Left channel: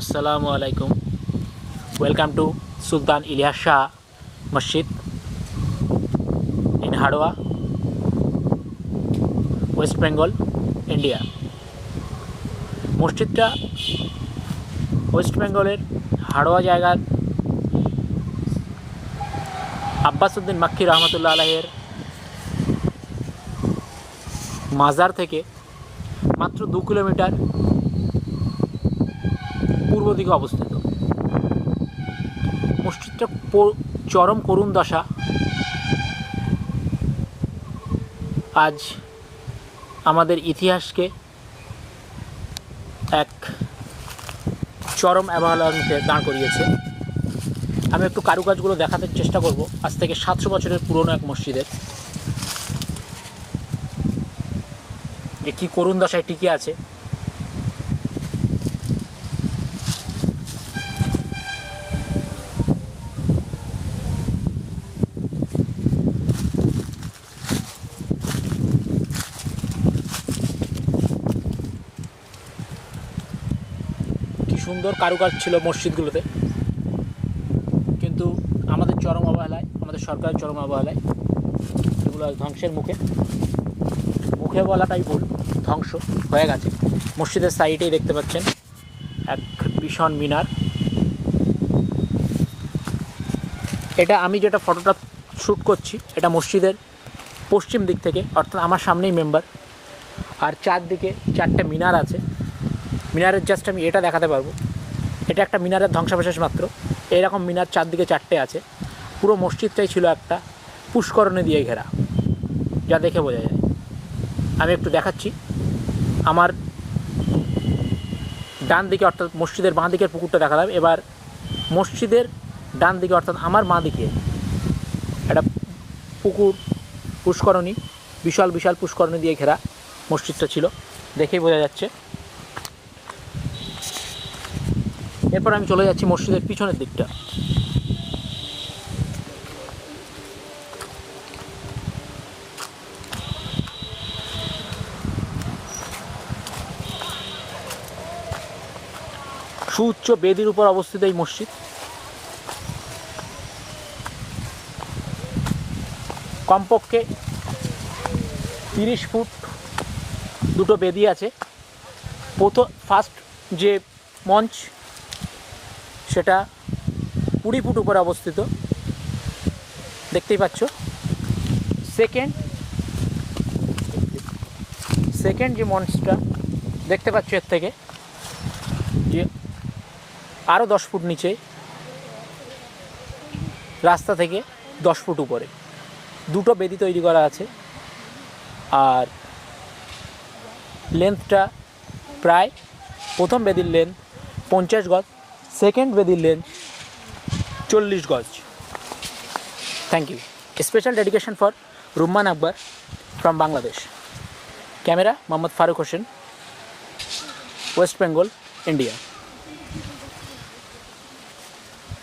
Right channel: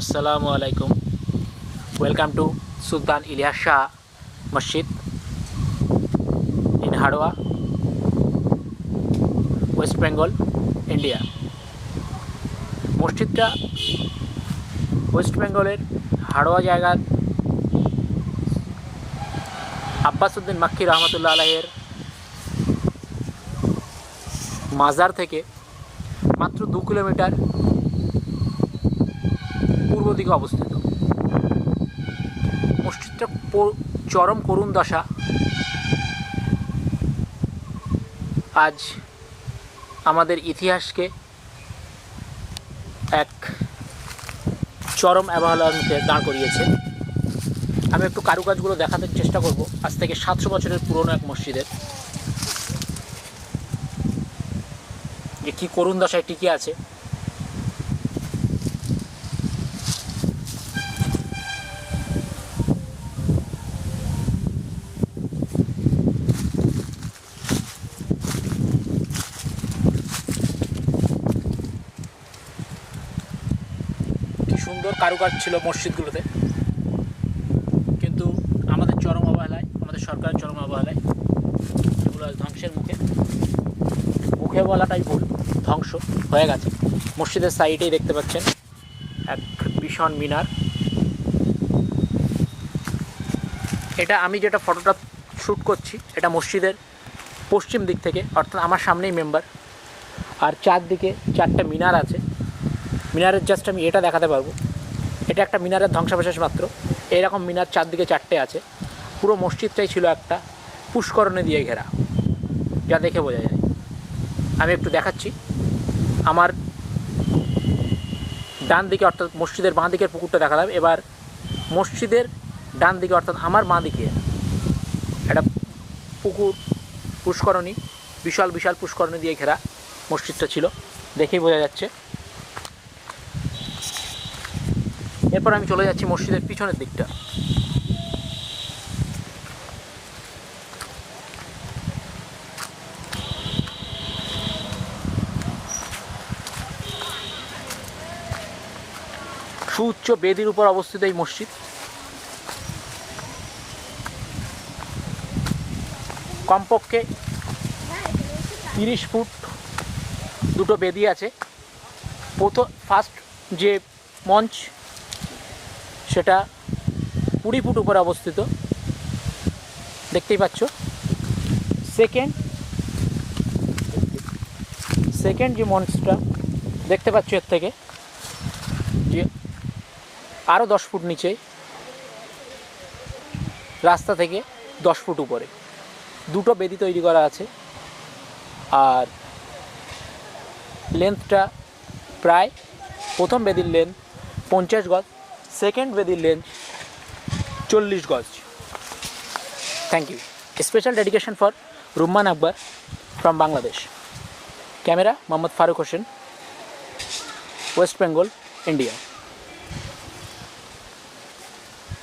Assalamu alaikum. Welcome to Sultan Ilyas Shah Masjid in Hadwa, West Bengal, India. মসজিদটা West বেঙ্গলের হাড়োয়া জায়গার আব্বাসউদ্দিন মাক্কি রহমতুল্লাহ আলাইহির মাজার থেকে মাত্র 2 কিলোমিটার পূর্ব দিকে অবস্থিত। মসজিদটা চরম করুণ দশা। আজ আমাদের ইতিহাসকে এক চরম অবহেলার মুখে দাঁড় করিয়েছে। আমি একটু কারুকাজগুলো দেখাতে চেষ্টা করব। আজ থেকে 700 বছরের পুরনো এক মসজিদের যে কী করুণ দশায় টিকে আছে। কি সুন্দর কারুকাজ ছিল মসজিদগুলোতে, কিন্তু আমাদের চরম অবহেলায়, আমাদের সরকারের চরম অবহেলায় এগুলো ধ্বংসের মুখে বলাটাই ভুল, ধ্বংস হয়ে গেছে। মসজিদের সাইডেই দেখতে পাচ্ছেন এক ভীষণ মিনার। এটা আমি যেটা ফটোটা শ্যুট করছি, এটা মসজিদের পশ্চিম দিক থেকে, অর্থাৎ আমার সামনেই মেম্বার, আর চারদিকে 4টে মিনার আছে। মিনারের জাস্ট আমি এটা দেখাতে পারবো, এটা একটা মিনারের ধ্বংসাবশেষ মাত্র। এইরকম মিনার চারদিকে 4টে আছে। পুরো মসজিদটাই ছিল একটা পুষ্করণী দিয়ে ঘেরা, যা দেখে বোঝা যায়। আমি একটু দেখাচ্ছি। আমার ডান দিকে অর্থাৎ মসজিদের বাঁ দিকের পুকুরটা দেখালাম। এবার মসজিদের ডান দিকে অর্থাৎ আমার বাঁ দিকে একটা পুকুর, পুষ্করণী, বিশাল বিশাল পুষ্করণী দিয়ে ঘেরা মসজিদটা ছিল, দেখেই বোঝা যাচ্ছে। এরপর আমি চলে যাচ্ছি মসজিদের পিছনের দিকটা। সুউচ্চ বেদির উপর অবস্থিত এই মসজিদ। কমপক্ষে 30 ফুট দুটো বেদি আছে। ফার্স্ট যে মঞ্চ সেটা 20 ফুট উপরে অবস্থিত, দেখতেই পাচ্ছ। সেকেন্ড যে মঞ্চটা দেখতে পাচ্ছ এর থেকে যে আরও 10 ফুট নিচে, রাস্তা থেকে 10 ফুট উপরে দুটো বেদি তৈরি করা আছে। আর লেন্থটা প্রায়, প্রথম বেদির লেন্থ 50 গজ, সেকেন্ড বেদির লেন্থ 40 গজ। Thank you. Special dedication for Rumman Akbar from Bangladesh. Camera Mohammad Faruk Hossain, west Bengal, India.